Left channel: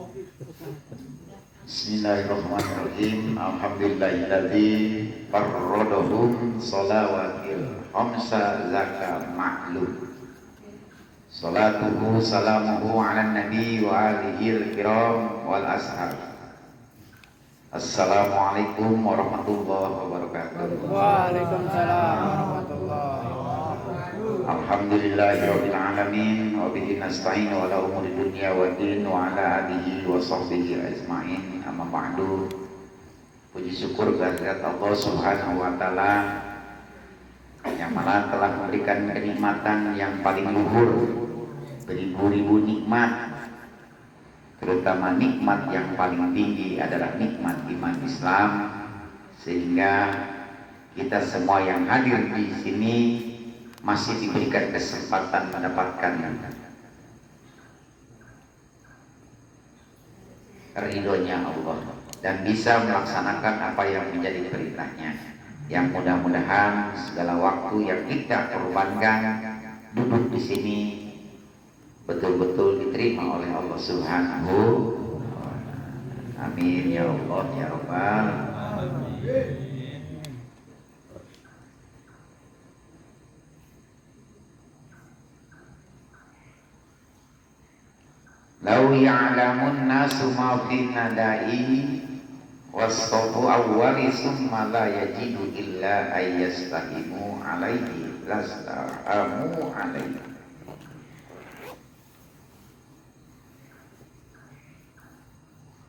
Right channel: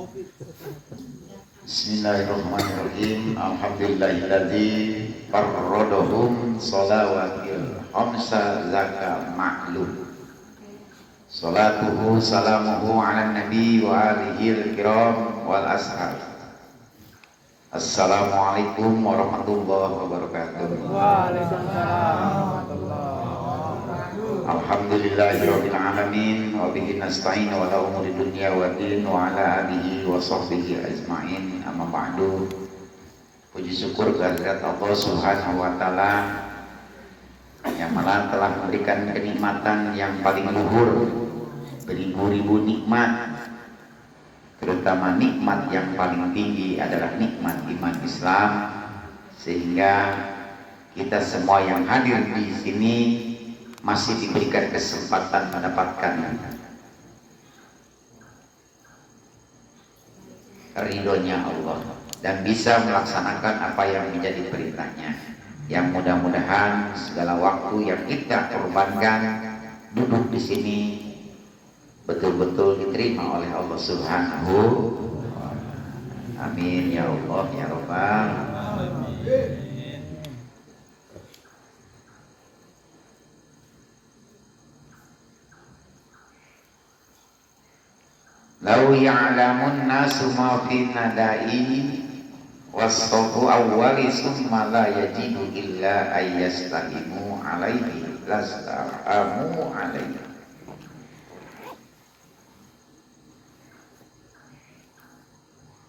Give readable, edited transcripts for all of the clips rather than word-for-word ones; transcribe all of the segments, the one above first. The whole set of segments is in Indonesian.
Bismillahirrahmanirrahim. Alhamdulillahilladzi farradahum shalawatil khamsa zaka ma'lum. Salatuhu salamuhu ala nabi wa alihi al-kiram wal ashab. Assalamualaikum warahmatullahi wabarakatuh. Waalaikumsalam. Alhamdulillahirabbil alamin wa bihi nasta'in wa la umuri dunya wa din wa ala alihi wa sahbihi ajmain. Amma ba'du. Puji syukur kehadirat Allah Subhanahu wa taala yang mana telah memberikan kenikmatan yang paling luhur, beribu-ribu nikmat, terutama nikmat yang paling tinggi adalah nikmat iman Islam, sehingga kita semua yang hadir di sini masih diberikan kesempatan mendapatkan ridhonya Allah dan bisa melaksanakan apa yang menjadi perintahnya. Yang mudah-mudahan segala waktu yang kita korbankan duduk di sini betul-betul diterima oleh Allah Subhanahu. Amin ya Allah ya Rabbal. Lau ya'lamun nasu ma fi nadai wassafu awwali summa la yajidu illa ayyastahimu alaihi lastahamu alaihi.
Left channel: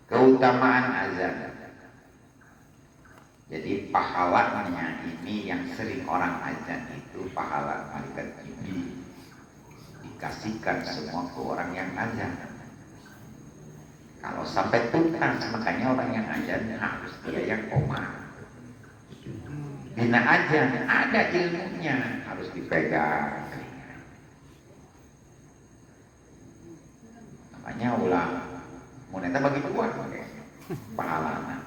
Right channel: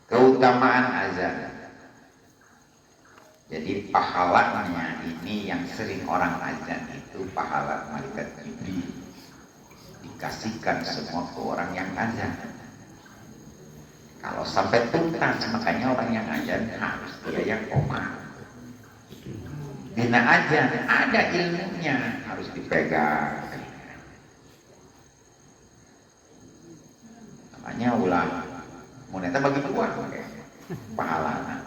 Keutamaan azan. Jadi pahalanya ini yang sering orang azan itu pahala malaikat Jibril dikasihkan semua ke orang yang azan. Kalau sampai tuntas, makanya orang yang azan harus dia yang koma. Bina azan ada ilmunya, harus dipegang. Namanya ulama. Moneta bagi dua pahalanya.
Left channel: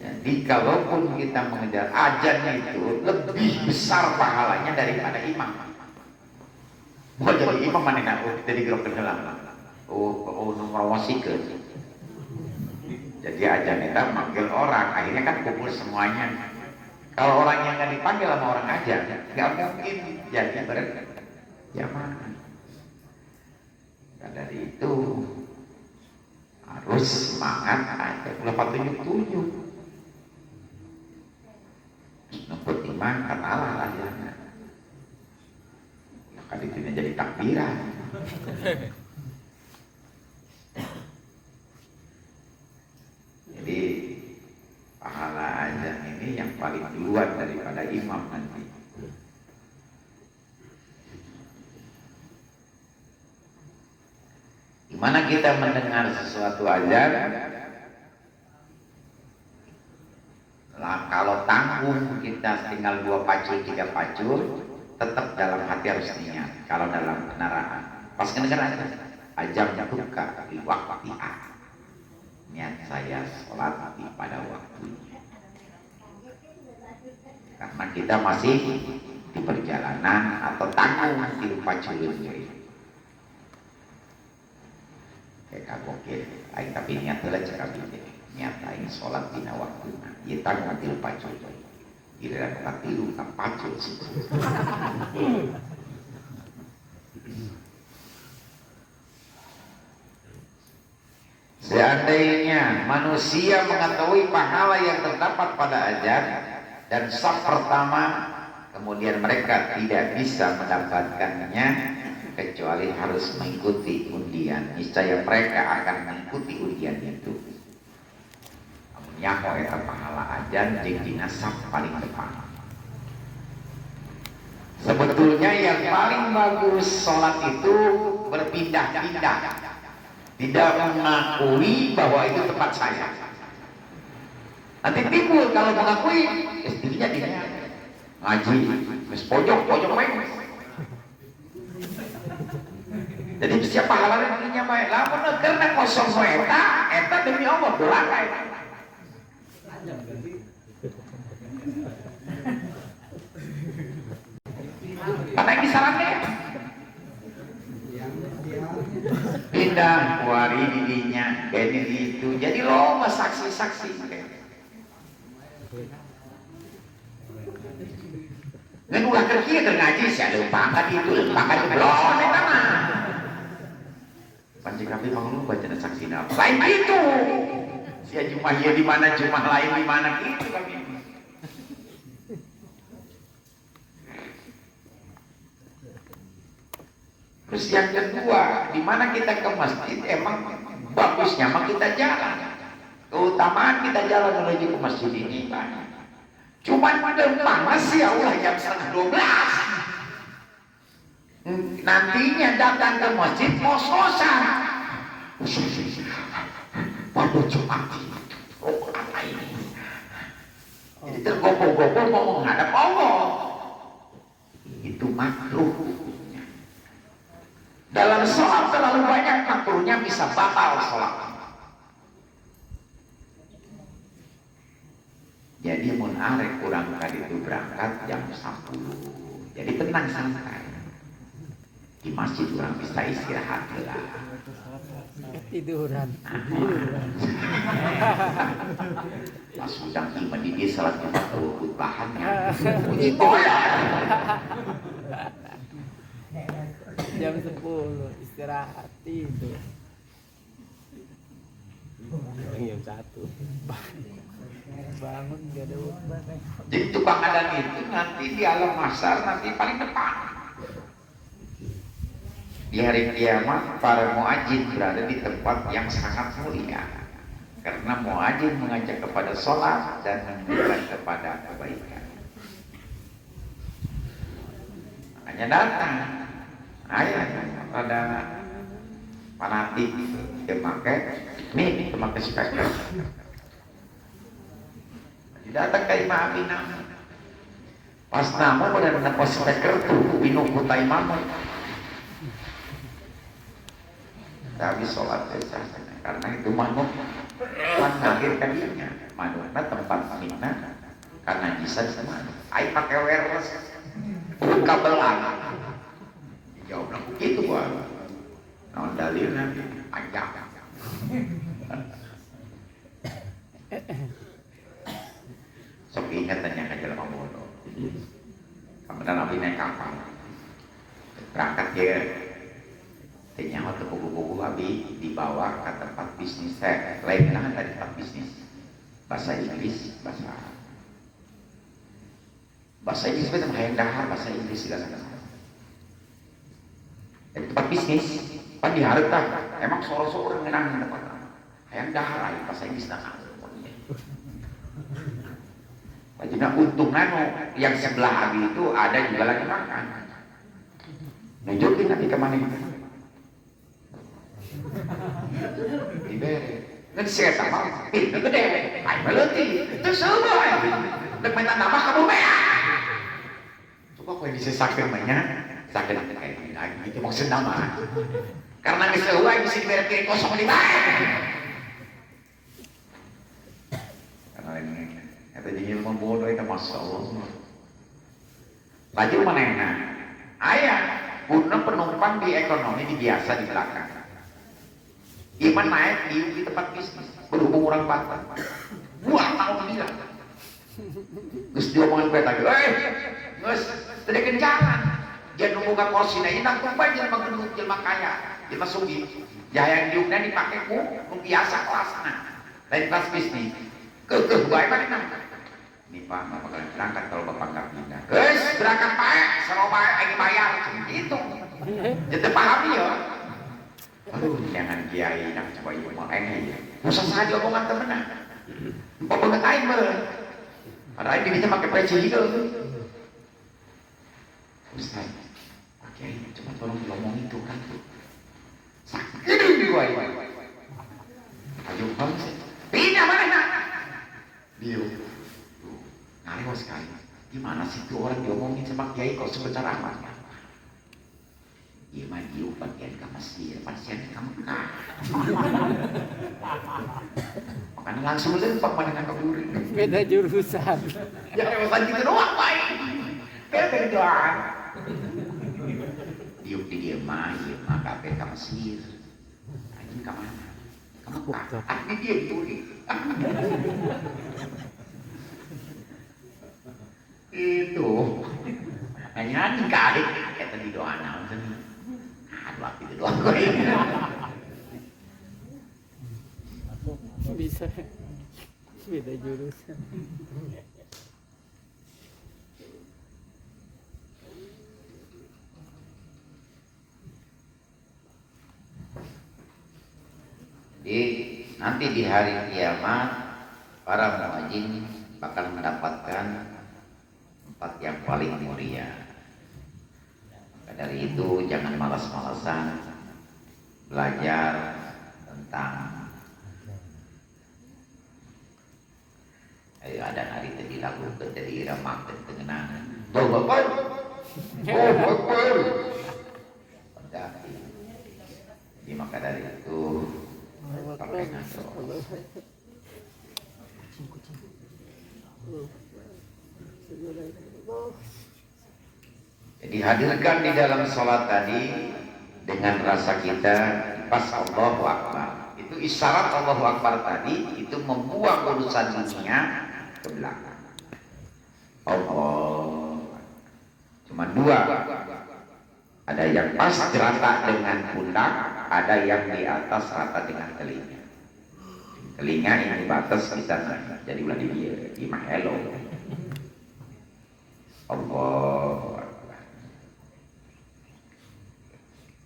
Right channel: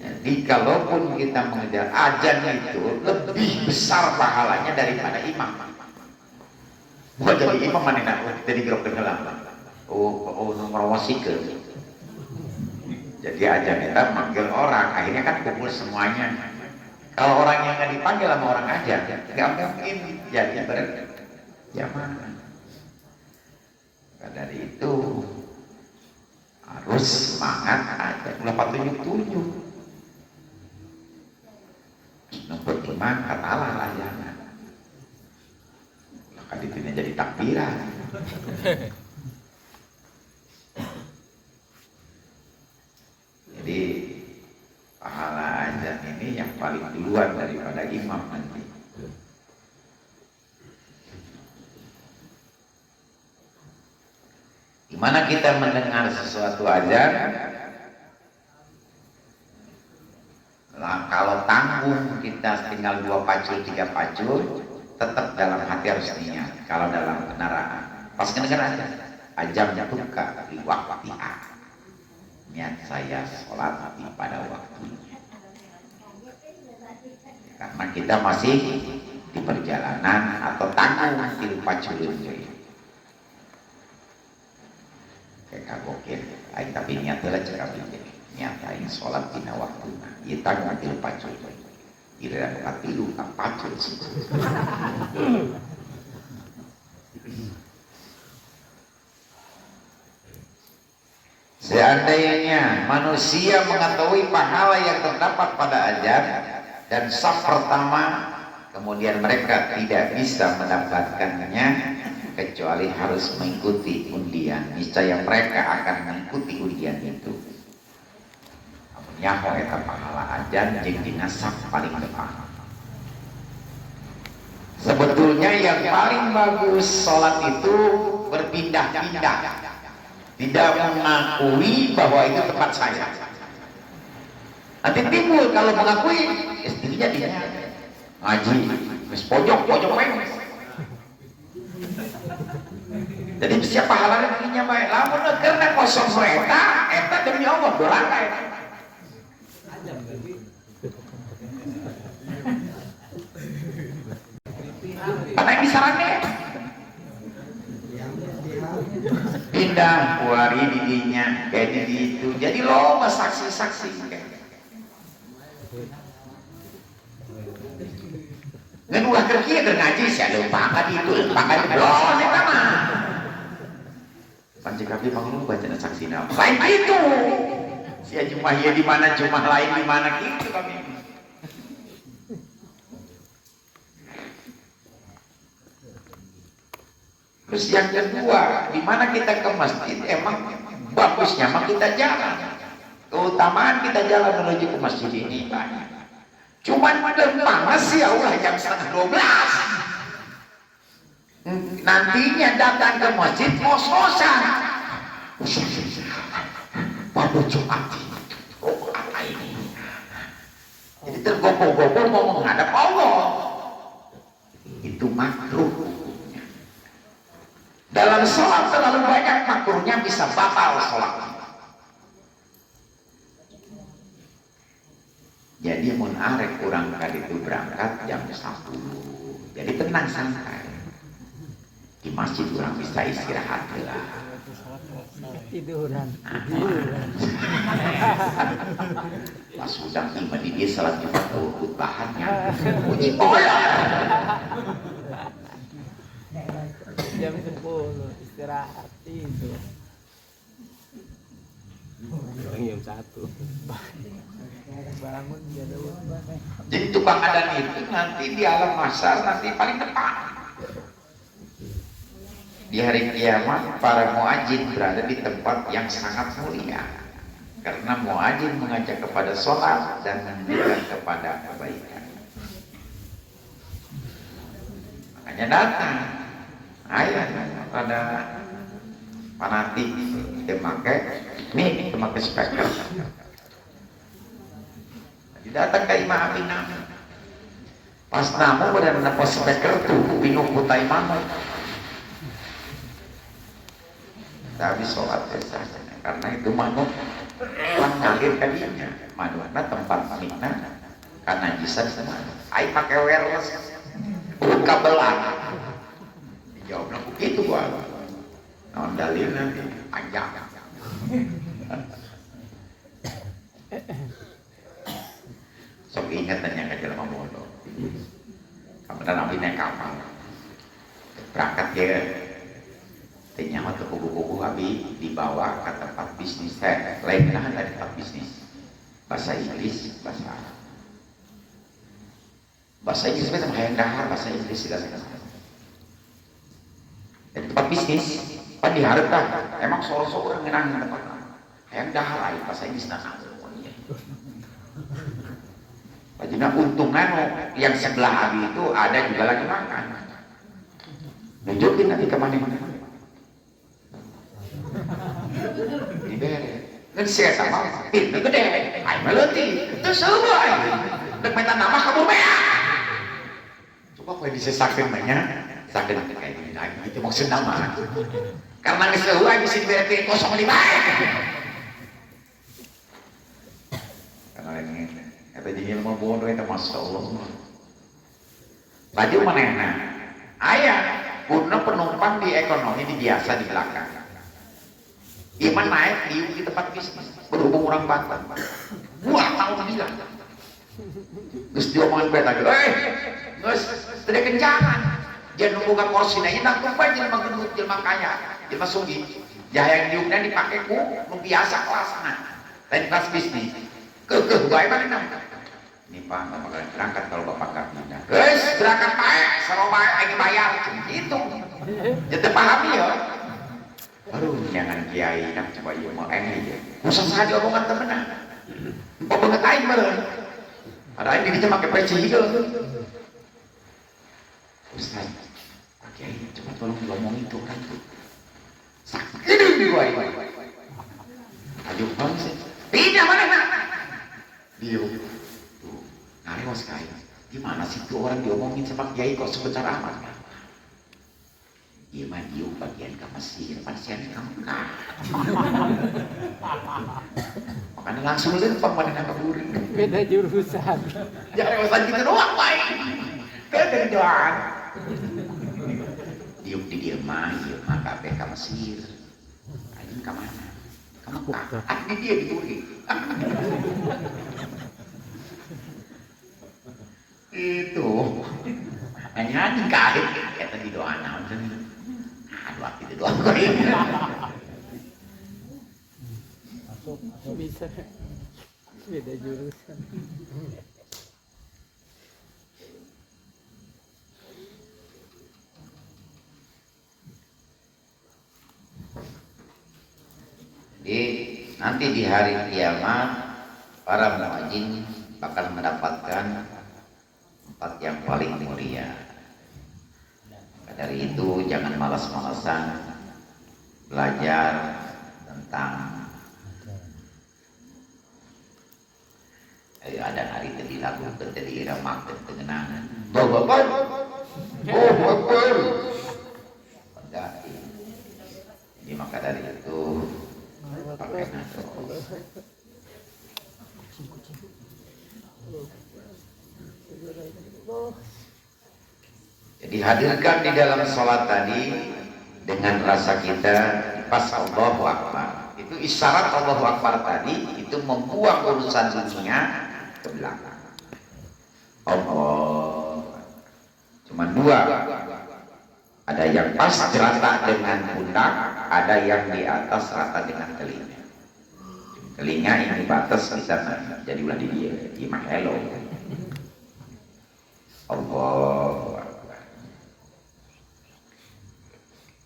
Jadi kalaupun kita mengejar azan itu lebih besar pahalanya daripada imam. Bukan jadi imam mana nak jadi grup tenggelam. Nomor wasike. Jadi azan kita manggil orang, akhirnya kan kumpul semuanya. Kalau orang yang nggak dipanggil sama orang aja, nggak mungkin jadi berjamaah. Dari itu harus semangat aja. 877. Nomor 5 katalah rayana. Maka dipindah jadi takbiran. Jadi pahala azan ini yang paling duluan daripada imam nanti. Dimana kita mendengar sesuatu azan, kalau tanggung kita tinggal 2 pacul 3 pacul, tetap dalam hati harus niat. Kalau dalam kendaraan pas kedengar azan buka di waktu niat saya sholat pada waktunya, karena kita masih di perjalanan atau tanggung di pacul ini. Kayak gokil, tapi niatnya cara bikin niat lain sholat di waktu. Kita ngambil pacul, kira katilu tak pacul sih. Seandainya manusia mengetahui pahala yang terdapat pada azan dan saf pertama, kemudian mereka tidak bisa mendapatkannya kecuali harus mengikuti undian, niscaya mereka akan mengikuti undian itu. Amunnya mereka pahala azan jeung saf paling depan. Sebetulnya yang paling bagus sholat itu berpindah-pindah, tidak mengakui bahwa itu tempat saya. Nanti timbul kalau mengakui, istrinya dia ngaji, wis pojok weng. Jadi siapa pahalanya dirinya baik. Lamun karena kosong eta demi Allah doraka eta. Apa yang disarankan? Ada kuari didinya, kayak itu. Jadi loba saksi-saksi. Ngan ulah kerja ke ngaji saya lupa itu pakai belum ya nama. Panci kami mau baca saksi nama. Lain itu. Si Jumah ya di mana, Jumah lain di mana gitu kami. Terus yang kedua, di mana kita ke masjid emang bagusnya mah kita jalan. Keutamaan kita jalan menuju ke masjid ini banyak. Cuman panas ya Allah jam 11:30. Nantinya datang ke masjid mau sholat. Pada Jumat ini. Oh apa ini? Jadi tergopoh-gopoh mau menghadap Allah. Itu makruh. Dalam sholat terlalu banyak makruhnya bisa batal sholat. Jadi mun arek kurang kali itu berangkat jam 10. Jadi tenang santai. Di masjid kurang bisa istirahat lah. Tiduran. Pas sudah tiba di dia salat Jumat khutbahannya. Puji bola. Jam 10 istirahat tidur. Jam 1. Bangun dia dulu. Jadi tukang adan itu nanti di alam mahsyar nanti paling depan. Di hari kiamat para muadzin berada di tempat yang sangat mulia. Karena muadzin mengajak kepada sholat dan menunjukkan kepada kebaikan. Makanya datang ayah pada fanatik memakai speaker. Datang ke Imam Aminah. Pas namu pada napa speaker tuh minum putai mano. Tapi sholat saja karena itu mano kan lahir kalinya. Mana tempat minah karena jisa semua. Ai pakai wireless kabelan. Jawab begitu gua. Non dalil panjang. Sok ingat tanya ke dalam bodoh. Kemudian Nabi naik kapal, berangkat dia, ternyata tuh buku-buku Nabi dibawa ke tempat bisnis. Lainnya ada tempat bisnis, bahasa Inggris, bahasa Arab. Bahasa Inggris itu hayang dahar, bahasa Inggris segala. Di tempat bisnis, pan diharapkan, emang soro-soro orang ngenang tempat hayang dahar, bahasa Inggris nah. Jadi untungan yang sebelah Abi itu ada juga lagi makan. Nunjukin nanti kemana diberi. Kan saya sama pintu gede, ayo meluti, terus semua. Untuk minta nama kamu beak. Coba kalau disesakin banyak, sakit kayak gini, itu maksud nama. Karena keseluruhan bisa diberi 0,5. Karena ini kata jadi ilmu bodoh itu Masya Allah. Tadi mana enak? Ayah, guna penumpang di ekonomi di biasa di belakang. Iman naik di tempat bisnis, berhubung orang Batak. Wah, tahu dia. Terus dia omongin beta, Gus, tidak kencangan. Jangan nunggu ke kursi, nah ini tumpah jangan menggendut, jangan kaya, jangan sunggi. Jaya yang diuknya dipakai ku, biasa kelasnya. Dan kelas bisnis. Baik mana? Ini Pak, Bapak berangkat kalau Bapak nggak pindah. Guys, berangkat baik, seru baik, ini bayar. Itu. Jadi pahami ya. Aduh, jangan kiai, nak coba iya mau ini. Usah saja omongan temenan. Empok banget aing meren. Padahal ini bisa pakai peci hijau. Ustaz, oke, coba tolong ngomong itu kan tuh. Sakit gua ini. Ayo bang, pindah mana nak? Dia ngarewas sekali. Gimana sih tuh orang diomongin sama kiai kok sebentar amat? Iya mah dia bagian ke Mesir, pasien ke Mekah. Makanya langsung aja pemain ke Buri. Beda jurusan. Jangan rewasan gitu doang, baik. Beda doang. Dia mah, kakek ke Mesir. kemana? Kamu ini dia ditulis. Itu nyanyi kait kita di doa naon aduh api itu doa Bisa beda jurusan. Jadi nanti di hari kiamat para muadzin bakal mendapatkan tempat yang paling mulia. Dari itu jangan malas-malasan belajar tentang ada hari tadi lagu tadi irama tengenangan. Bapak. Jadi maka dari itu pakai nafsu. Jadi hadirkan di dalam sholat tadi dengan rasa kita pas Allahu Akbar. Itu isyarat Allahu Akbar tadi itu membuang urusan dunia ke belakang. Allah cuma dua. Ada yang pas rata dengan pundak, ada yang di atas rata dengan telinga. Telinga ini batas bisa jadi ulah di dia, di mahelo. Allah.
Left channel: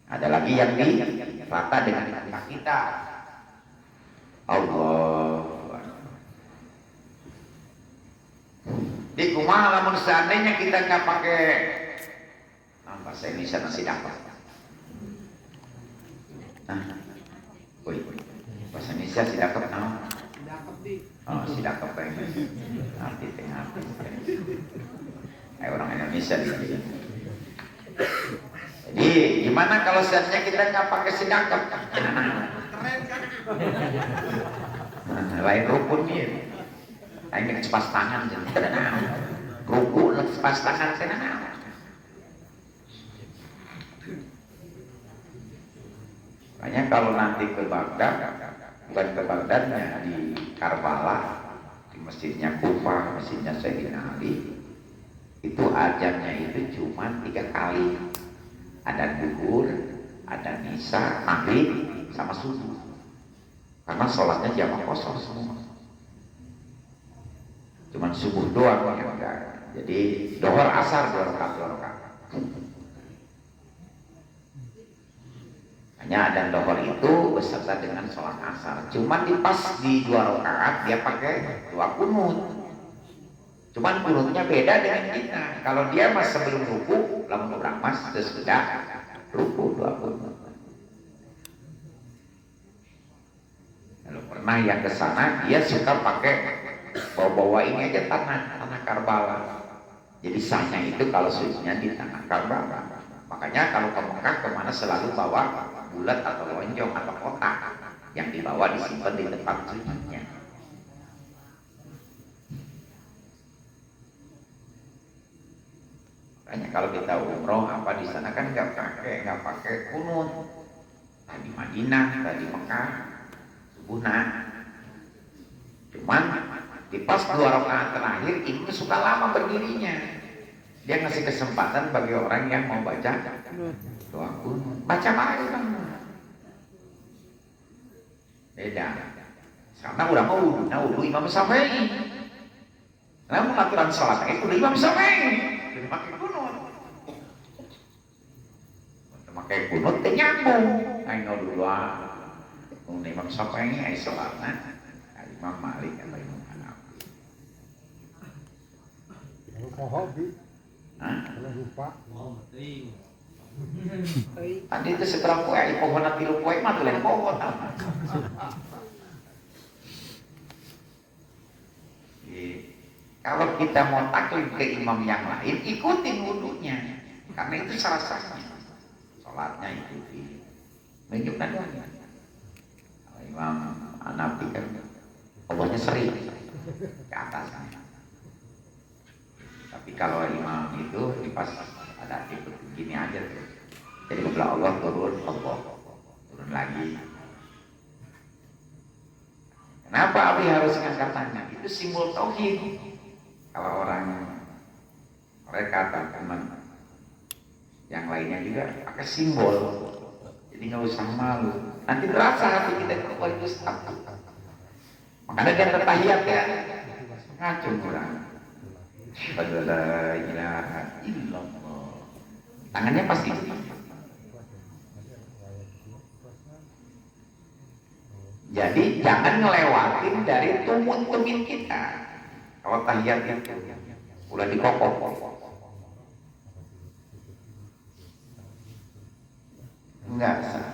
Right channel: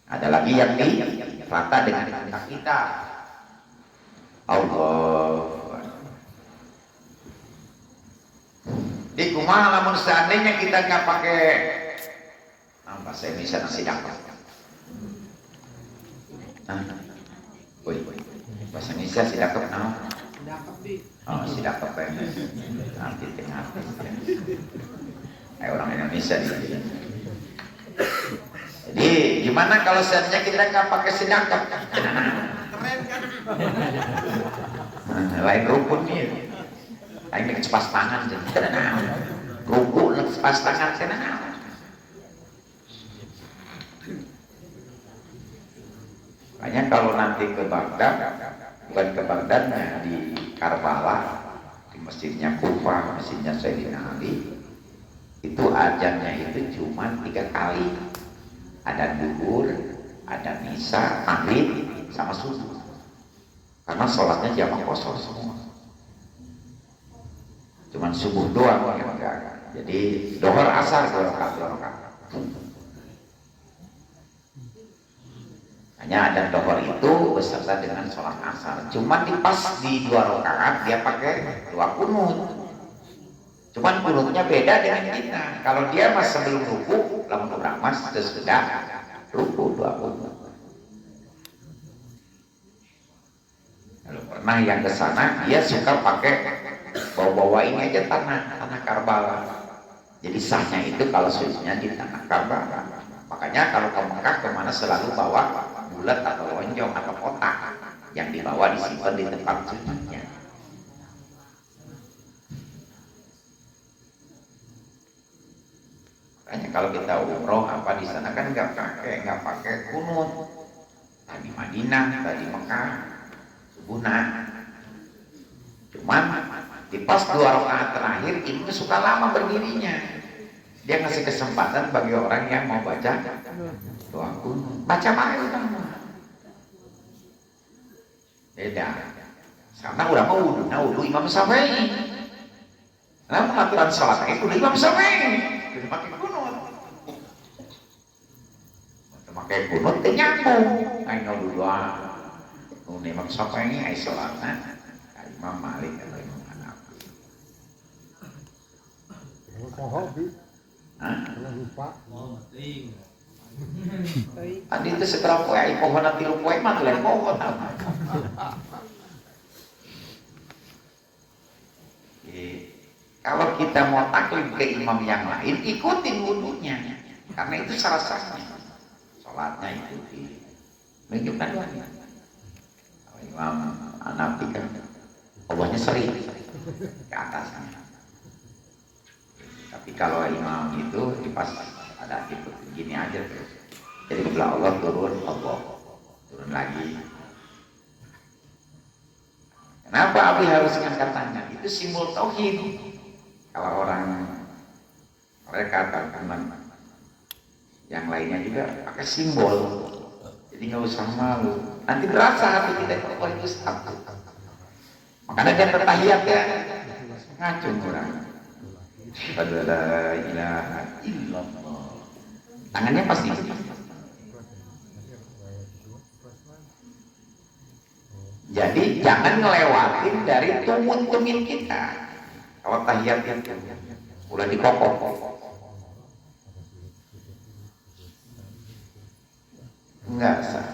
Ada lagi yang di rata dengan pundak kita. Allah. Di kumaha lamun seandainya kita nggak pakai bahasa Indonesia nasi dapat. Bahasa Indonesia si dapat nama. Oh si dapat nanti tengah. Orang Indonesia di sini. Jadi gimana kalau seandainya kita nggak pakai si dapat? Keren kan? Lain rukun nih. Lain cepas tangan jadi. Rukun cepas tangan sana. Makanya kalau nanti ke Baghdad, bukan ke Baghdadnya di Karbala, di masjidnya Kufah, masjidnya Sayyidina Ali, itu ajannya itu cuma 3 kali. Ada duhur, ada nisa, maghrib, sama subuh. Karena sholatnya jamaah kosong semua. Cuman subuh doang yang enggak. Jadi dohor asar 2 rakaat. Hanya ada dohor itu beserta dengan sholat asar. Cuma pas di 2 rakaat dia pakai 2 kunut. Cuman kunutnya beda dengan kita. Kalau dia mas sebelum ruku, lamun urang mas sesudah ruku 2 kunut. Kalau pernah yang ke sana, dia suka pakai bawa-bawa ini aja tanah Karbala. Jadi sahnya itu kalau sujudnya di tanah Karbala. Makanya kalau ke Mekah kemana selalu bawa bulat atau lonjong atau kotak yang dibawa disimpan di tempat sucinya. Makanya kalau kita umroh apa di sana kan nggak pakai kunut. Tadi Madinah, tadi Mekah, subuhna. Cuman di pas 2 rakaat terakhir ini suka lama berdirinya. Dia ngasih kesempatan bagi orang yang mau baca doa kunut. Baca mana itu? Beda. Sama orang mau wudu Imam Syafi'i. Namun aturan salat itu Imam Syafi'i. Jadi pakai kunut. Pakai kunut teh nyambung. Ayo doa. Nu Imam Syafi'i ai salatna Imam Malik atau Imam Hanafi. Tadi itu setelah poe pohon nanti lu poe mah lain pohon. Kalau kita mau taklid ke imam yang lain, ikutin wudunya, karena itu salah sahnya. Sholatnya ikuti, menunjukkan doanya. Imam Hanafi kan Allahnya sering ke atasnya. Tapi kalau imam itu pas ada ikut gini aja tuh. Jadi bila Allah turun, Allah turun lagi. Kenapa Abi harus angkat tangan? Itu simbol tauhid. Kalau orang mereka teman yang lainnya juga pakai simbol, jadi nggak usah malu. Nanti terasa hati kita itu satu. Makanya dia bertahiyat ya, ngacung orang. La ilaha illallah. Tangannya pasti. Jadi jangan ngelewatin dari tumun-tumin kita. Kalau tahiyat itu udah dikokok. Enggak sah.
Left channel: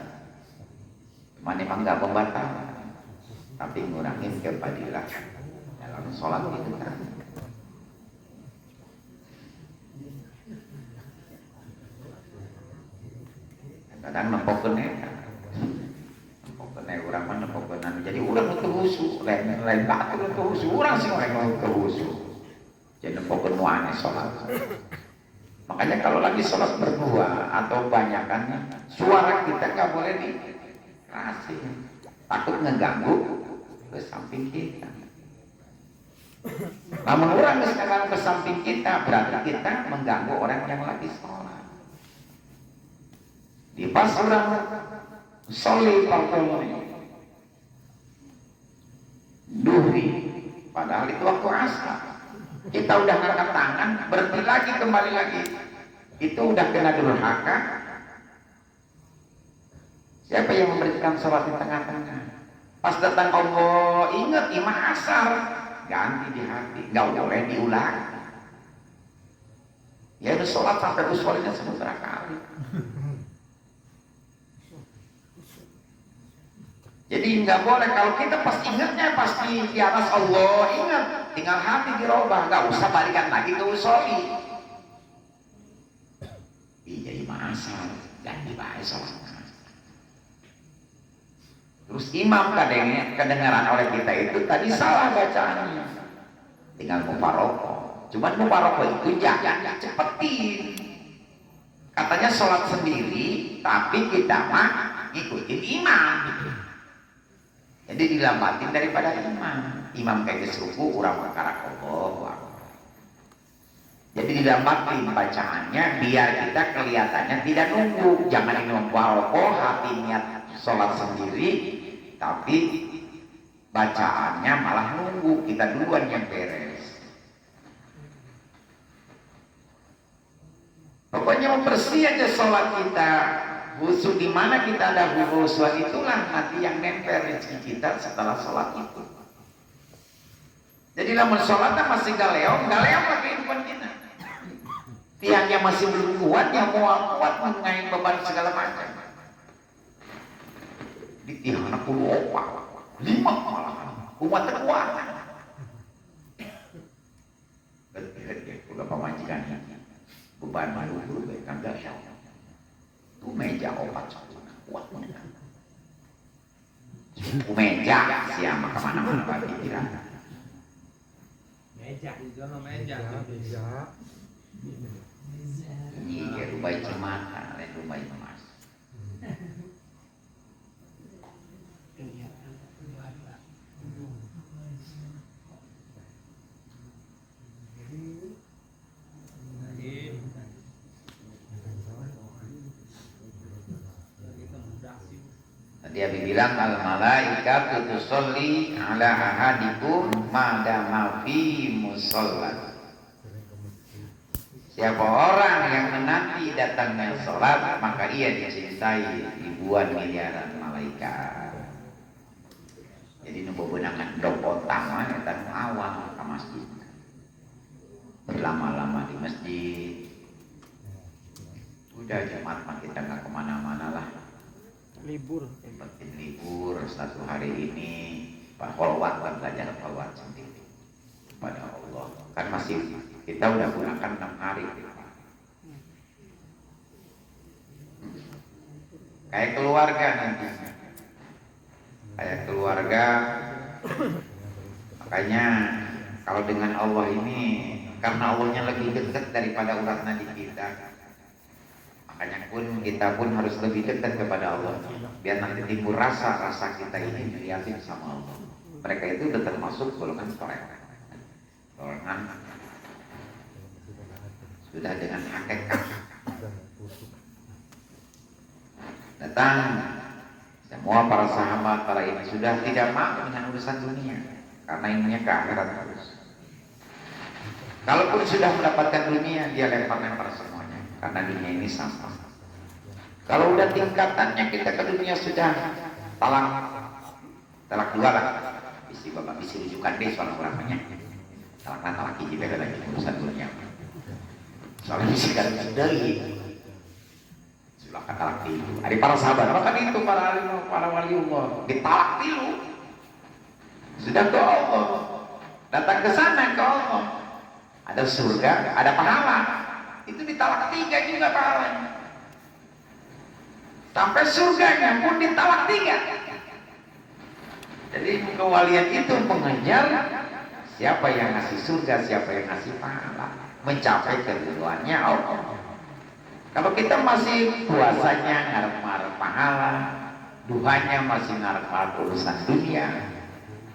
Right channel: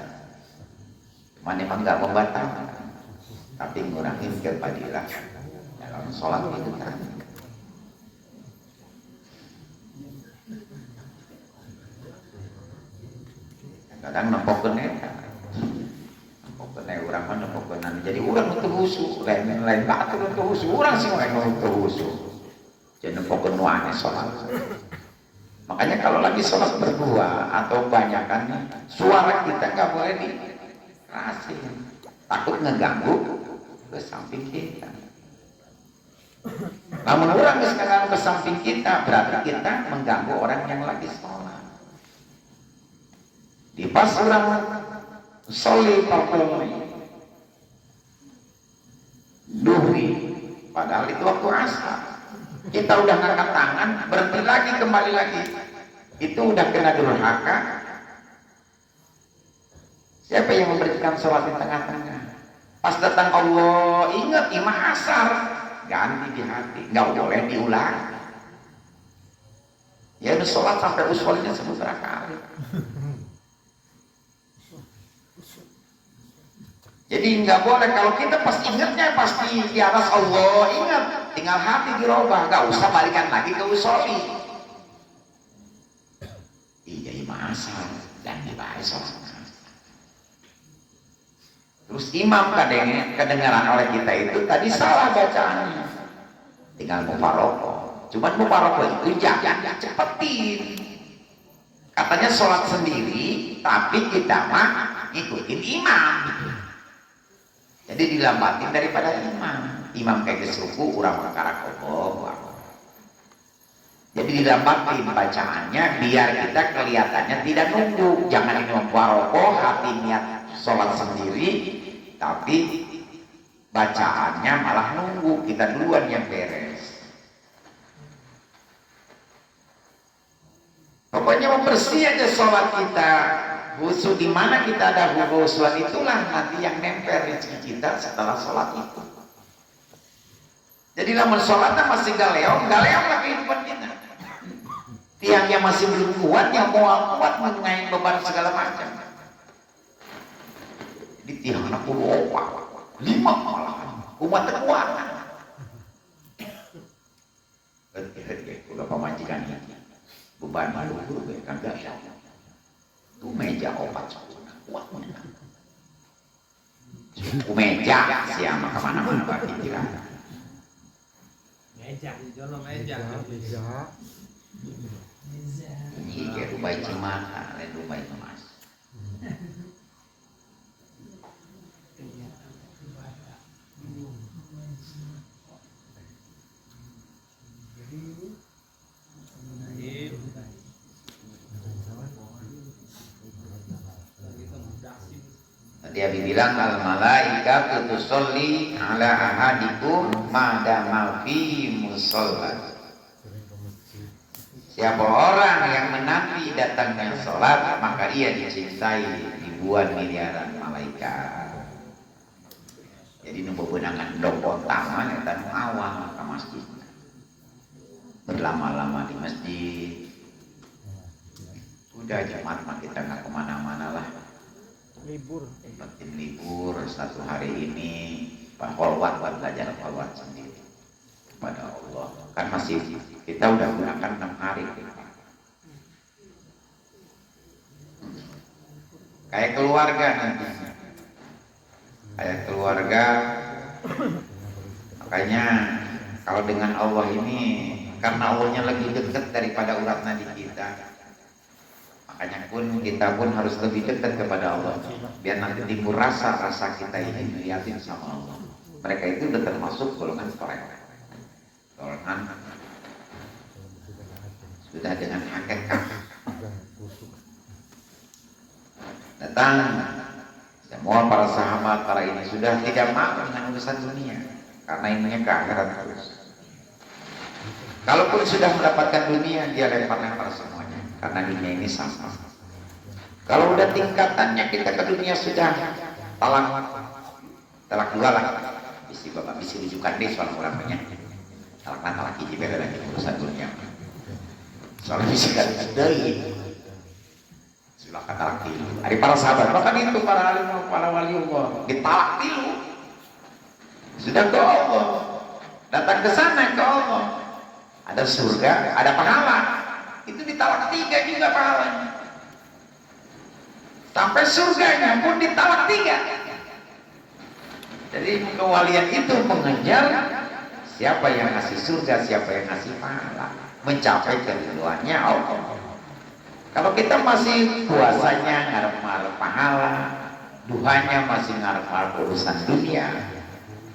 Mana emang enggak membatal, tapi ngurangin kefadilah dalam sholat itu kan. Kadang nempokkan orang mana nempokkan. Jadi orang itu husu, lain batu itu husu. Orang sih orang itu husu. Jadi nempokkan nuane sholat. Makanya kalau lagi sholat berdua atau banyak kan, suara kita nggak boleh dikasih, takut ngeganggu ke samping kita. Namun orang sekarang ke samping kita berarti kita mengganggu orang yang lagi sholat. Di pas orang sholat duhri, padahal itu waktu asar. Kita udah ngangkat tangan, berhenti lagi, kembali lagi. Itu udah kena durhaka. Siapa yang memberikan sholat di tengah-tengah? Pas datang Allah, ingat imam asar, ganti di hati, nggak boleh diulang. Ya udah sholat sampai usolnya 10 kali. Jadi nggak boleh, kalau kita pas ingatnya pasti di atas Allah, ingat. Tinggal hati dirubah, gak usah balikan lagi ke usoli. Iya imam dan dibahas sholat. Terus imam kedengaran oleh kita itu tadi salah bacaannya. Tinggal mufarokoh. Cuman mufarokoh itu jangan cepetin. Katanya sholat sendiri, tapi kita mah ngikutin imam. Jadi dilambatin daripada imam. Imam kayak ruku, urang perkara Allah. Jadi dilambatin bacaannya biar kita kelihatannya tidak nunggu. Jangan imam baroko, hati niat sholat sendiri, tapi bacaannya malah nunggu. Kita duluan yang beres. Pokoknya membersih aja sholat kita. Khusus di mana kita ada khusyuk itulah nanti yang nempel rezeki kita setelah sholat itu. Jadi lamun sholatnya masih galeong lah kehidupan kita. Tiangnya masih belum kuat, yang mau kuat mengenai beban segala macam. Di tiangnya 10 5 malah umat terkuat. Udah pemajikan ini beban malu kan gaya. Itu meja obat kuat benar. Meja siapa kemana-mana bagi dia. Meja, jono meja. Iya, rumah cimata, lain rumah emas. Dia bilang al malaika tusolli ala ahadikum madama fi musalla. Siapa orang yang menanti datangnya sholat, maka ia dicintai ribuan miliaran malaikat. Jadi nu bebenangan dok utama dan awal ke masjid. Berlama-lama di masjid. Udah Jumat mah kita nggak kemana-mana lah. Libur. Penting libur 1 hari ini. Pak Kholwat belajar kholwat sendiri kepada Allah. Kan masih kita udah gunakan 6 hari. Kayak keluarga nanti. Kayak keluarga. Makanya kalau dengan Allah ini, karena Allahnya lebih dekat daripada urat nadi kita. Makanya kita pun harus lebih dekat kepada Allah. Biar nanti timbul rasa kita ini melihatin sama Allah. Mereka itu sudah termasuk golongan soleh, golongan sudah dengan hakikat. Datang semua para sahabat, para ini sudah tidak mau dengan urusan dunia, karena ininya ke akhirat terus. Kalaupun sudah mendapatkan dunia, dia lempar-lempar semuanya, karena dunia ini sama. Kalau udah tingkatannya kita ke dunia sudah talak dua lah, isi bapak isi rujukan deh soal ulamanya. Talak lagi juga lagi urusan dunia. Soal bisikan dari silakan talak dulu. Ada para sahabat, bahkan itu para alim, para wali Allah, ditalak dulu. Sudah ke Allah, datang ke sana ke Allah. Ada surga, ada pahala. Itu ditalak 3 juga pahalanya. Sampai surganya pun ditalak 3. Jadi kewalian itu mengejar siapa yang ngasih surga, siapa yang ngasih pahala, mencapai keridhoannya Allah. Kalau kita masih puasanya ngarep-ngarep pahala, duhanya masih ngarep-ngarep urusan dunia,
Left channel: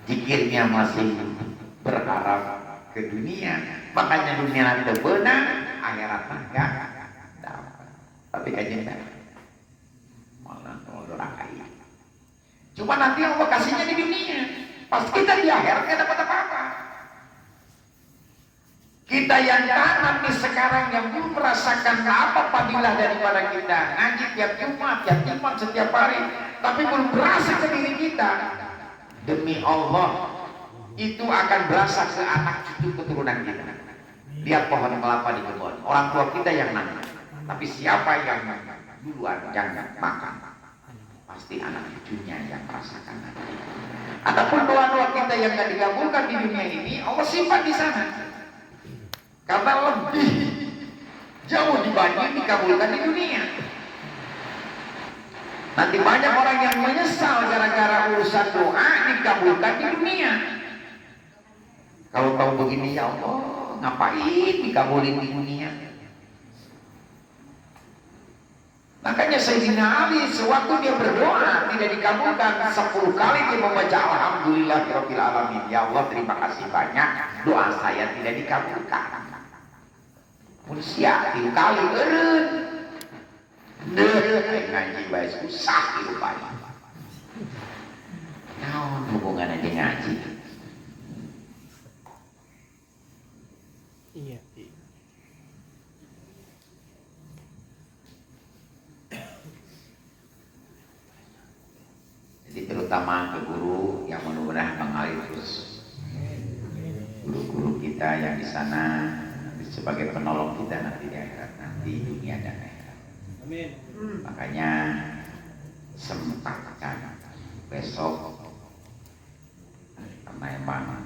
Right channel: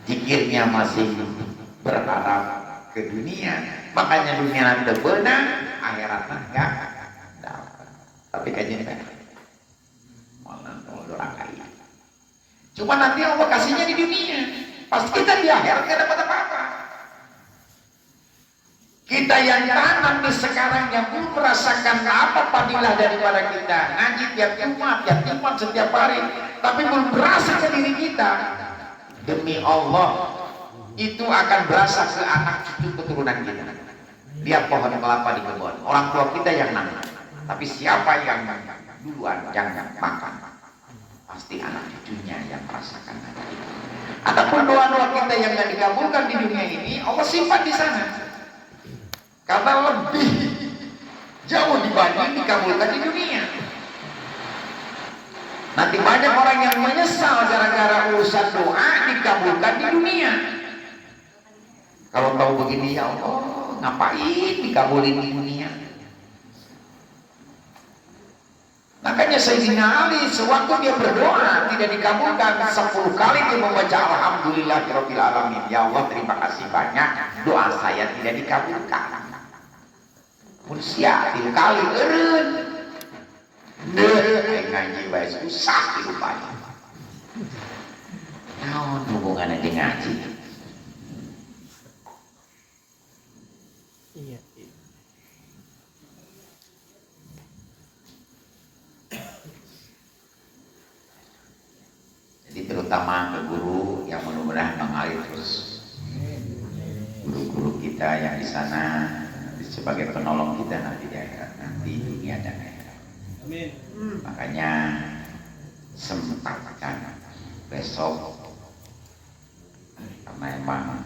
zikirnya masih berharap ke dunia, makanya dunia terbenam, akhirat enggak dapat. Tapi kayaknya malah dorakai. Cuma nanti Allah kasihnya di dunia, pas kita di akhirat nggak dapat apa-apa. Kita yang tanam di sekarang yang belum merasakan apa fadilah daripada kita ngaji tiap Jumat setiap hari, tapi belum berasa ke diri kita. Demi Allah, itu akan berasa ke anak cucu keturunan kita. Lihat pohon kelapa di kebun, orang tua kita yang nanam, tapi siapa yang duluan jangan makan, pasti anak cucunya yang merasakan nanti. Ataupun doa-doa kita yang tidak dikabulkan di dunia ini, Allah simpan di sana, karena lebih jauh dibanding dikabulkan di dunia. Nanti banyak orang yang menyesal gara-gara urusan doa dikabulkan di dunia. Kalau tahu begini, ya Allah, ngapain dikabulin di dunia? Makanya Sayyidina Ali sewaktu dia berdoa tidak dikabulkan 10 kali dia membaca alhamdulillahirabbil alamin. Ya Allah, terima kasih banyak, doa saya tidak dikabulkan. Manusia 3 kali eureun. Ngaji bae susah dirupanya. Naon hubunganna jeung ngaji? Iya. Jadi terutama ke guru yang mudah-mudahan mengalir terus, guru-guru kita yang di sana sebagai penolong kita nanti di akhirat, nanti dunia dan akhirat. Amin. Makanya sempatkan besok, karena emang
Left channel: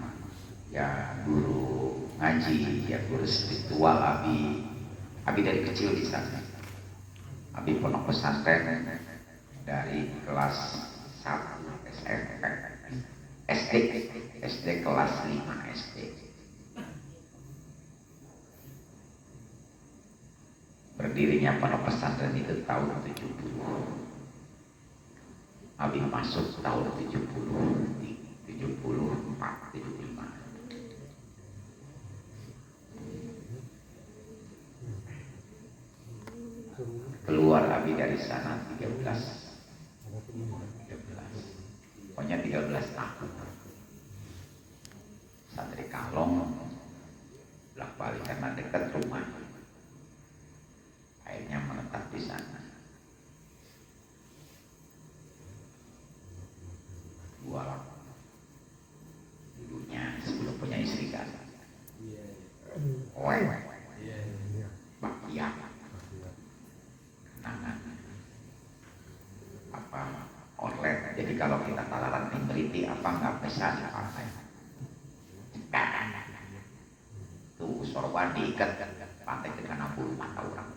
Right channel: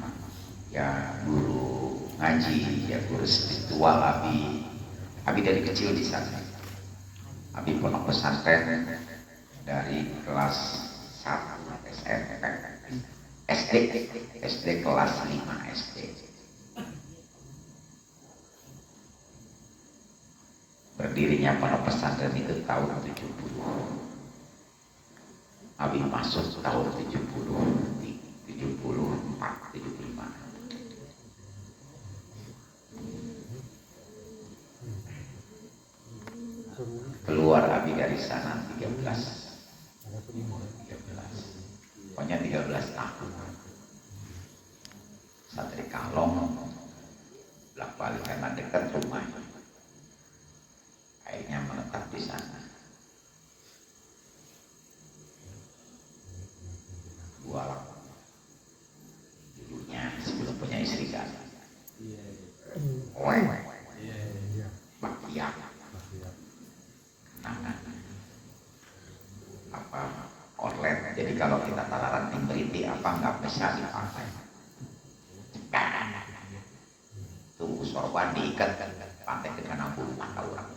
ya guru ngaji, ya guru spiritual, abi dari kecil di sana. Abi pondok pesantren dari kelas 1 SMP, SD kelas 5 SD. Berdirinya pondok pesantren itu tahun 70. Abi masuk tahun 74, 75. Keluar Abi dari sana 13. Pokoknya 13 tahun. Santri Kalong bolak balik karena dekat rumah. Akhirnya menetap di sana. Dua dulunya sebelum punya istri kan. Baktiak. Apa online. Jadi kalau kita talaran beriti apa nggak bisa dipakai. Tuh sorban diikat pakai dengan bulu mata orang.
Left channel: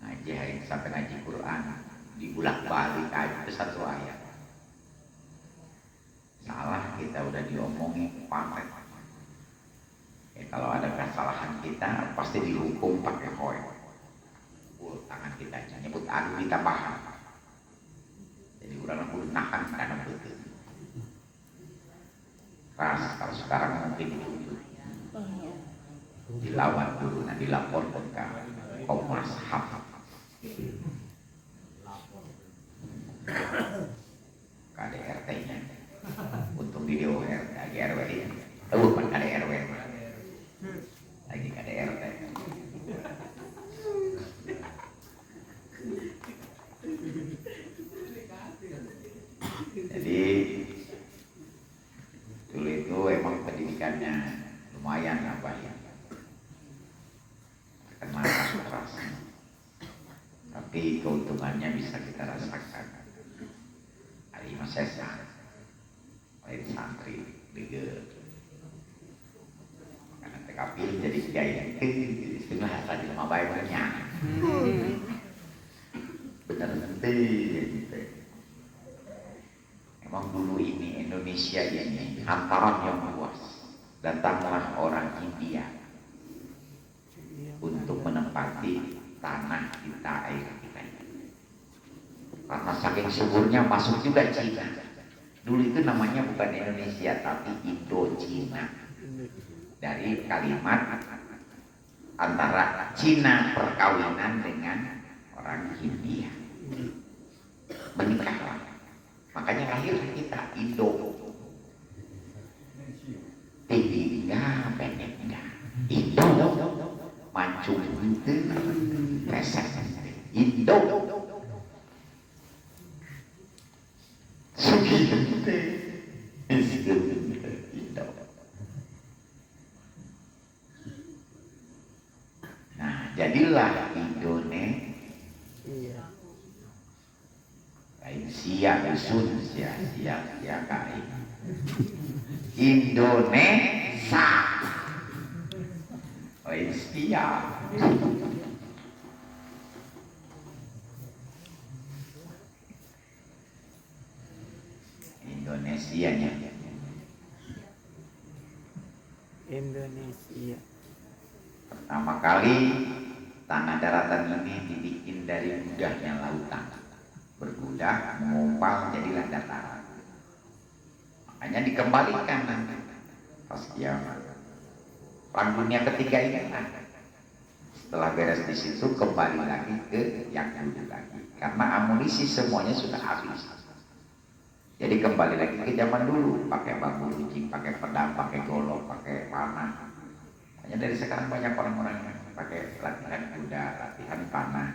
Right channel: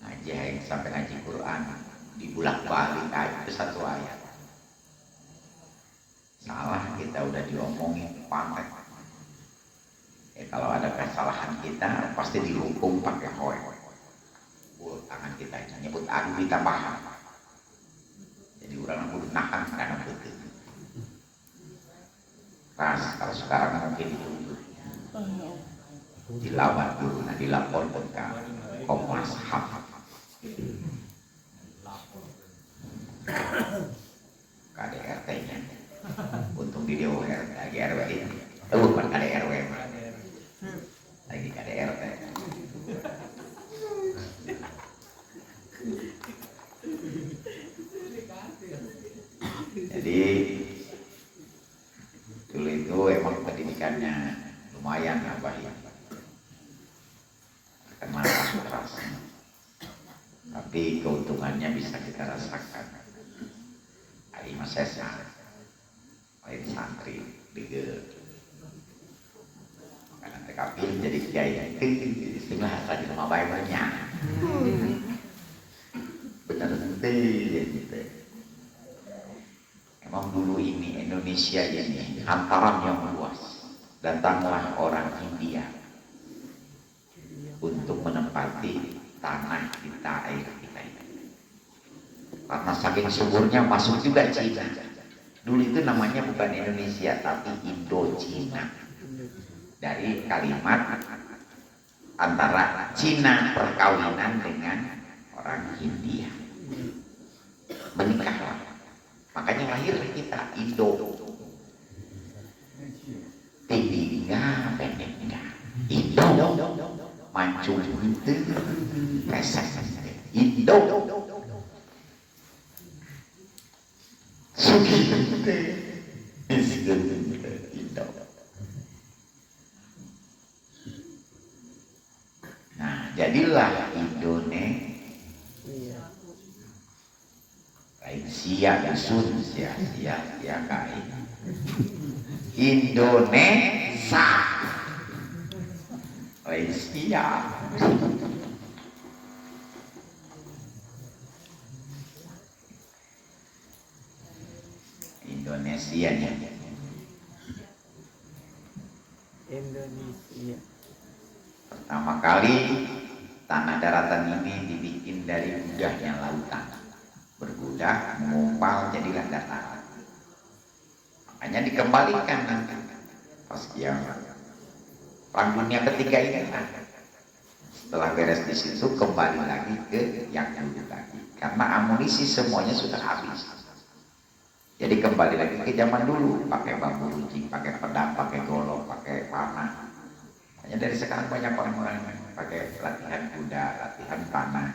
Ngaji sampai ngaji Quran dibulak balik aja ke 1 ayat. Salah kita udah diomongin pakai. Kalau ada kesalahan kita pasti dihukum pakai hoe. Tangan kita nyebut aku ditambah. Jadi orang kudu nahan karena betul. Kalau sekarang mungkin dilawan dulu, dilaporkan ke Komnas HAM. KDRT-nya untuk video lagi RW ini, bukan KDRW, lagi KDRT. Jadi dulu itu emang pendidikannya lumayan lah baik, kenal keras, tapi keuntungannya bisa kita rasakan. Hari Masesa, baik santri, dege, makanan TKP jadi kiai, istilah tadi sama baiknya, benar benar. Emang dulu ini Indonesia ini hamparan yang luas. Datanglah orang India untuk menempati tanah kita, air kita ini. Karena saking suburnya masuk juga Cina. Dulu itu namanya bukan Indonesia tapi Indo-Cina. Dari kalimat antara Cina perkawinan dengan orang India. Menikahlah. Makanya lahir kita Indo. Tingginya pendeknya Indo. Mancung itu resek Indo. Sugi Indo. Nah, jadilah Indonesia. Indonesia kain Indonesia Indonesia. Pertama kali tanah daratan ini dibikin dari mudahnya lautan, berbudah, mengumpal, jadilah dataran. Makanya dikembalikan nanti pas kiamat. Perang dunia ketiga ini setelah beres di situ kembali lagi ke yang dulu lagi, karena amunisi semuanya sudah habis. Jadi kembali lagi ke zaman dulu, pakai bambu runcing, pakai pedang, pakai golok, pakai panah. Hanya dari sekarang banyak orang-orang yang pakai latihan kuda, latihan panah.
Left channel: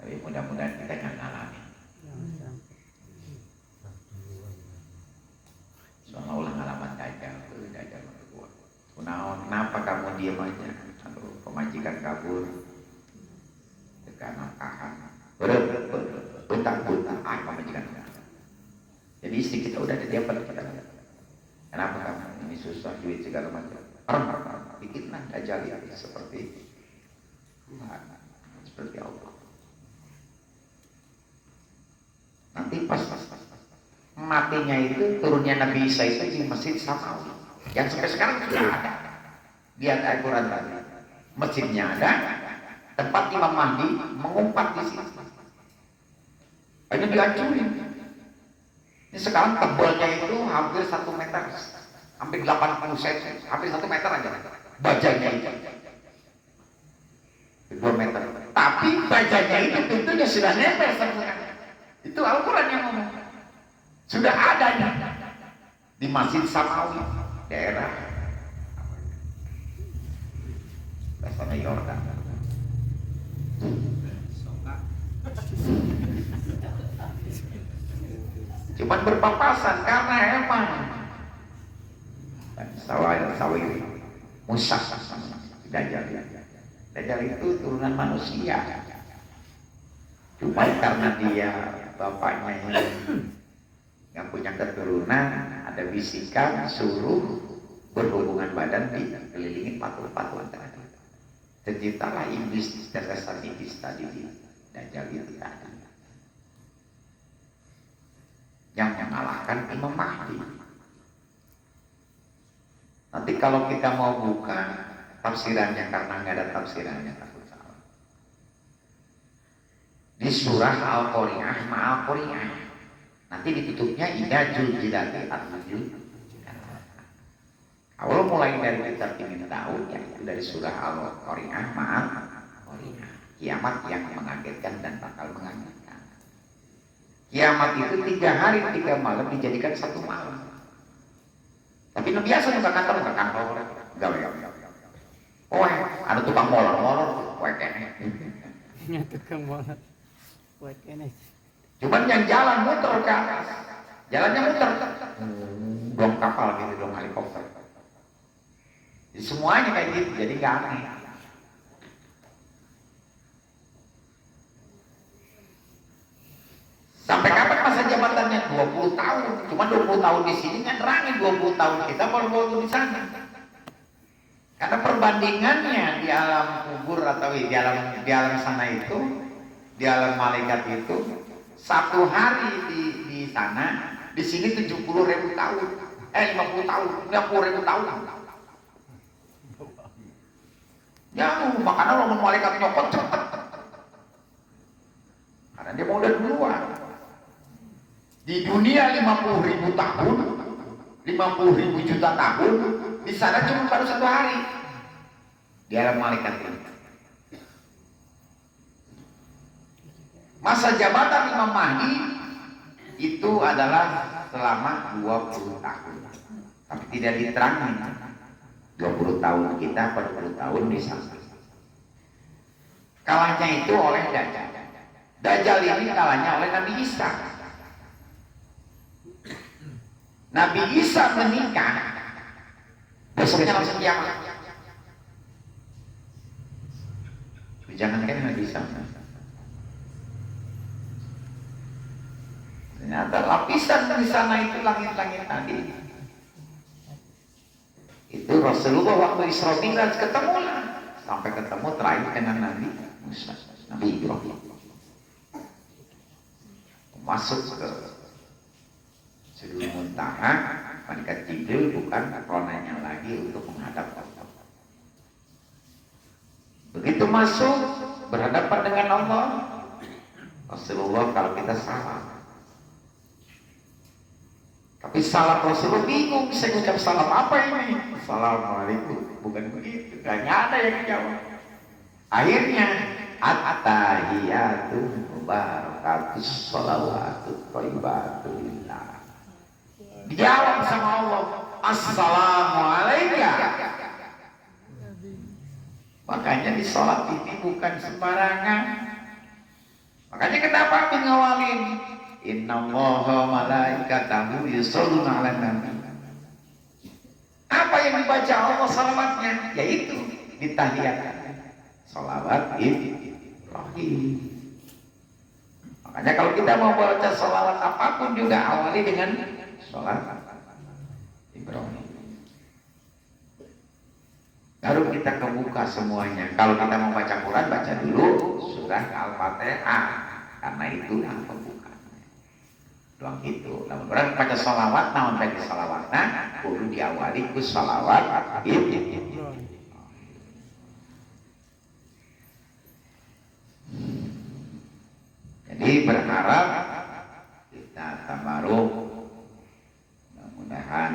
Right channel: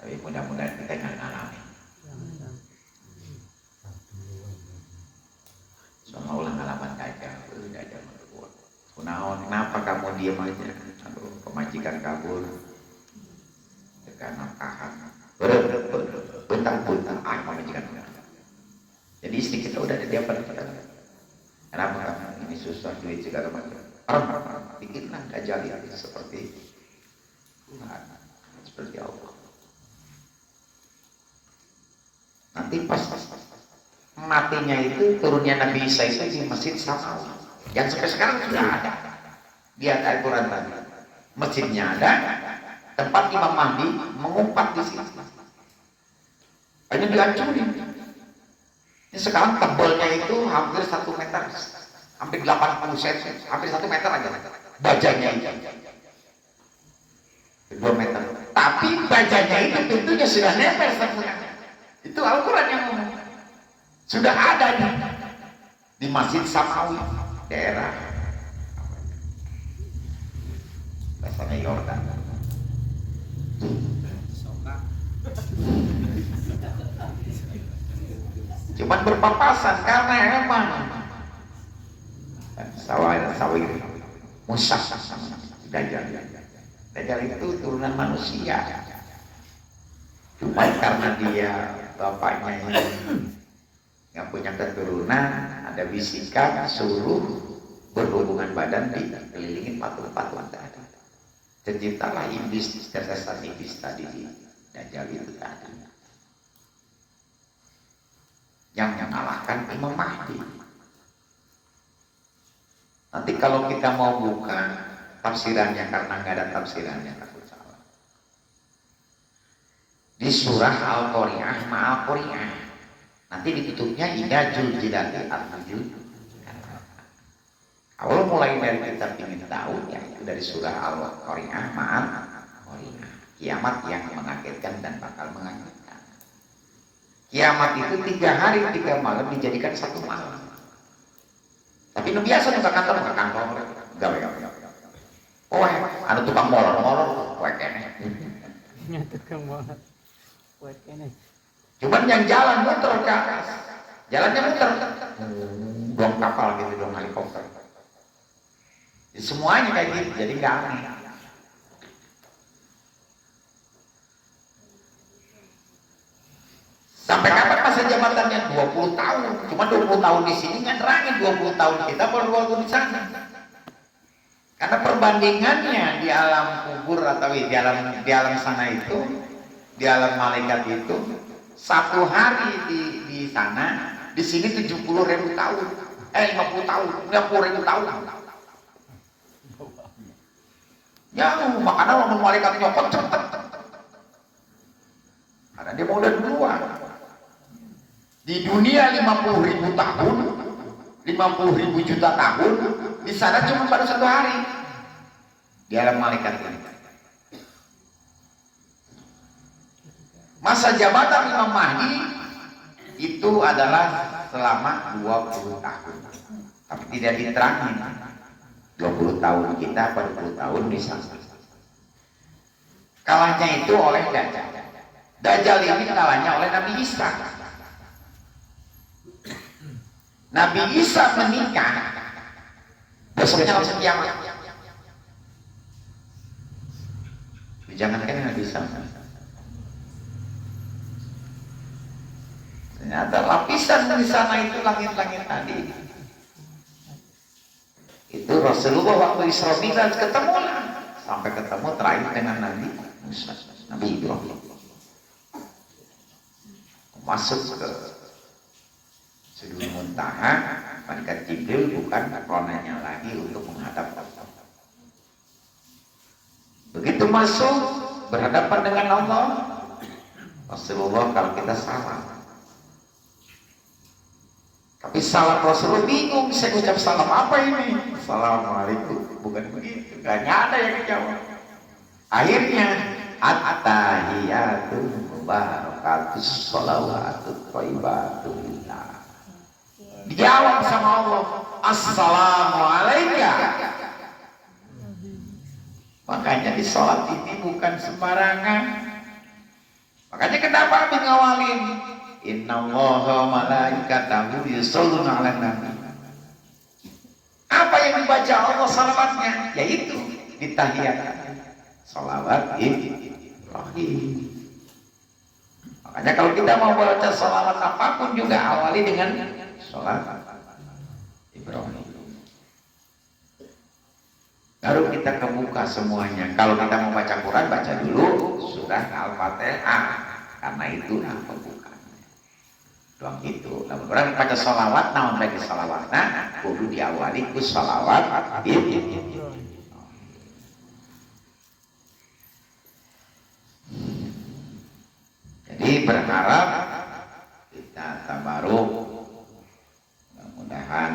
Tapi mudah-mudahan kita nggak ngalamin. Soalnya ulah ngalaman dajjal, dajjal berbuat. Kenapa kamu diam aja? Aduh, pemajikan kabur, tekan nafkahan, bentang-bentang, pemajikan. Jadi istri kita udah ada diapa kita. Kenapa kamu ini susah duit segala macam? Bikinlah dajjal seperti Tuhan, seperti Allah. Nanti pas matinya itu turunnya Nabi Isa itu di Masjid Samawi yang sampai sekarang sudah ada. Lihat Al-Quran tadi, masjidnya ada, tempat Imam Mahdi mengumpat di sini. Ini dihancurin. Ini sekarang tebalnya itu hampir 1 meter, hampir 80 cm, hampir 1 meter aja. Bajanya itu 2 meter. Tapi bajanya itu pintunya sudah nempel semua. Itu Al-Quran yang ngomong. Sudah ada di Masjid Samawi, daerah rasanya Yordan. Cuman berpapasan karena emang sawah Musa Dajjal. Dajjal itu turunan manusia. Cuma karena dia bapaknya yang punya keturunan, ada bisikan suruh berhubungan badan dikelilingi patung-patung tadi. Terciptalah iblis, cerdasan iblis tadi di Dajjal itu tadi. Yang mengalahkan Imam Mahdi. Nanti kalau kita mau buka tafsirannya, karena nggak ada tafsirannya, takut salah. Di surah Al-Qari'ah, Ma'al-Qari'ah Nanti ditutupnya ila Juljilati Al-Jul. Awal mulai dari kitab ini tahu ya itu dari surah Al-Qari'ah, Qari'ah. Kiamat yang mengagetkan dan bakal mengagetkan. Kiamat itu 3 hari 3 malam dijadikan 1 malam. Tapi nu biasa juga kantor gawe. Oh, ada tukang molor poe kene. Tukang molor. Buat kene. Cuman yang jalan muter ke atas. Jalannya muter. Dong kapal gitu, dong helikopter. Semuanya kayak gitu, jadi nggak aneh. Sampai kapan masa jabatannya? 20 tahun. Cuma 20 tahun di sini kan nerangin 20 tahun kita baru 20 di sana. Karena perbandingannya di alam kubur atau di alam sana itu, di alam malaikat itu, 1 hari di sana, di sini 70.000 tahun. 50 tahun, 50.000 tahun. Ya, makanya orang malaikat nyokot cepet. Karena dia mau udah duluan. Di dunia 50.000 tahun, 50.000 juta tahun, di sana cuma baru 1 hari. Di alam malaikat ini. Masa jabatan Imam Mahdi itu adalah selama 20 tahun. Tapi tidak diterangin. 20 tahun kita, 40 tahun di sana. Kalahnya itu oleh Dajjal. Dajjal ini kalahnya oleh Nabi Isa. Nabi Isa menikah, besoknya langsung kiamat. Jangankan Nabi Isa. Ternyata lapisan di sana itu langit-langit tadi. Itu Rasulullah waktu Isra Mi'raj ketemu lah. Sampai ketemu terakhir dengan Nabi Musa, Nabi Ibrahim. Masuk ke Sidul Muntaha, malaikat Jibril bukan ronanya lagi untuk menghadap Allah. Begitu masuk berhadapan dengan Allah, Rasulullah kalau kita salah. Tapi salam Rasulullah bingung, saya ucap salam apa ini? Assalamualaikum, bukan begitu, gak ada yang jawab. Akhirnya at-tahiyatu mubarakatus sholawatu thayyibatu lillah. Dijawab sama Allah, assalamualaikum. Makanya di sholat ini bukan sembarangan. Makanya kenapa Abi ngawalin? Innallaha malaikatahu yusholluna 'alan nabi. Apa yang dibaca Allah salawatnya? Yaitu di tahiyat. Salawat Ibrahim. Makanya kalau kita mau baca salawat apapun juga awali dengan salat Ibrahim. Baru kita kebuka semuanya. Kalau kita mau baca Quran, baca dulu surah Al-Fatihah. Karena itulah pembukaan. Doang itu. Lalu orang baca salawat, namun bagi salawat, kudu diawali ku salawat Ibrahim. Jadi berharap kita tabaruk, mudah-mudahan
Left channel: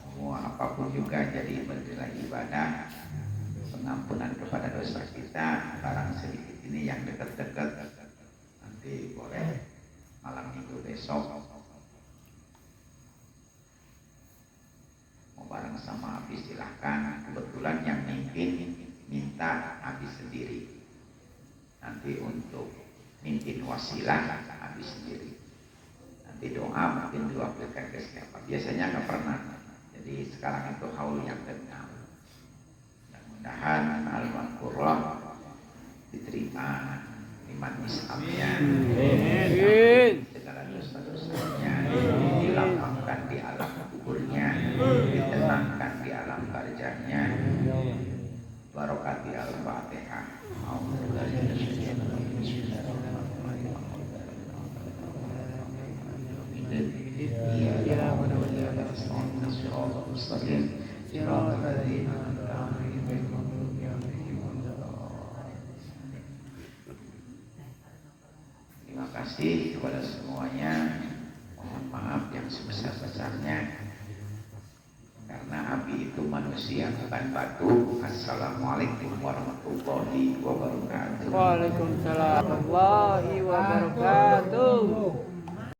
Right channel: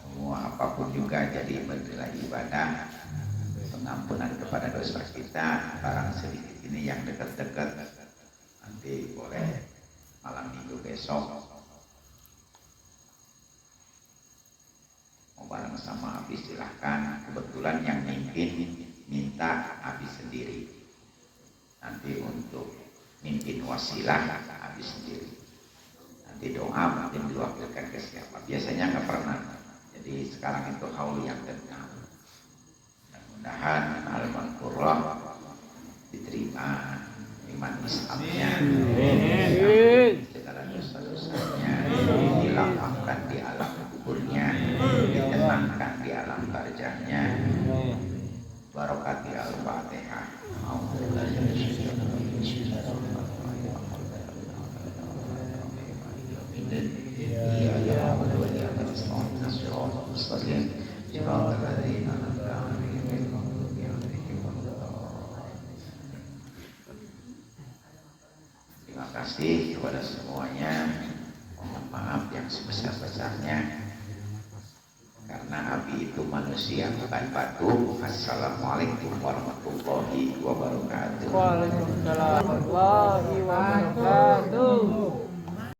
semua apapun juga jadi benderang ibadah, pengampunan kepada dosa kita. Barang sedikit ini yang dekat-dekat nanti boleh malam minggu besok mau bareng sama Abi silahkan. Kebetulan yang mimpin minta Abi sendiri. Nanti untuk mimpin wasilah Abi sendiri. Nanti doa mungkin diwakilkan ke siapa. Biasanya nggak pernah. Jadi sekarang itu haul yang tenang. Mudah-mudahan Al Qur'an diterima iman Islamnya, segala dosa-dosanya dilapangkan di alam kuburnya, ditenangkan di alam barjahnya. Barokati Al-Fatihah. Ya Terima kasih kepada semuanya. Mohon maaf yang sebesar-besarnya. Karena api itu manusia bukan batu. Assalamualaikum warahmatullahi wabarakatuh. Waalaikumsalam warahmatullahi wabarakatuh.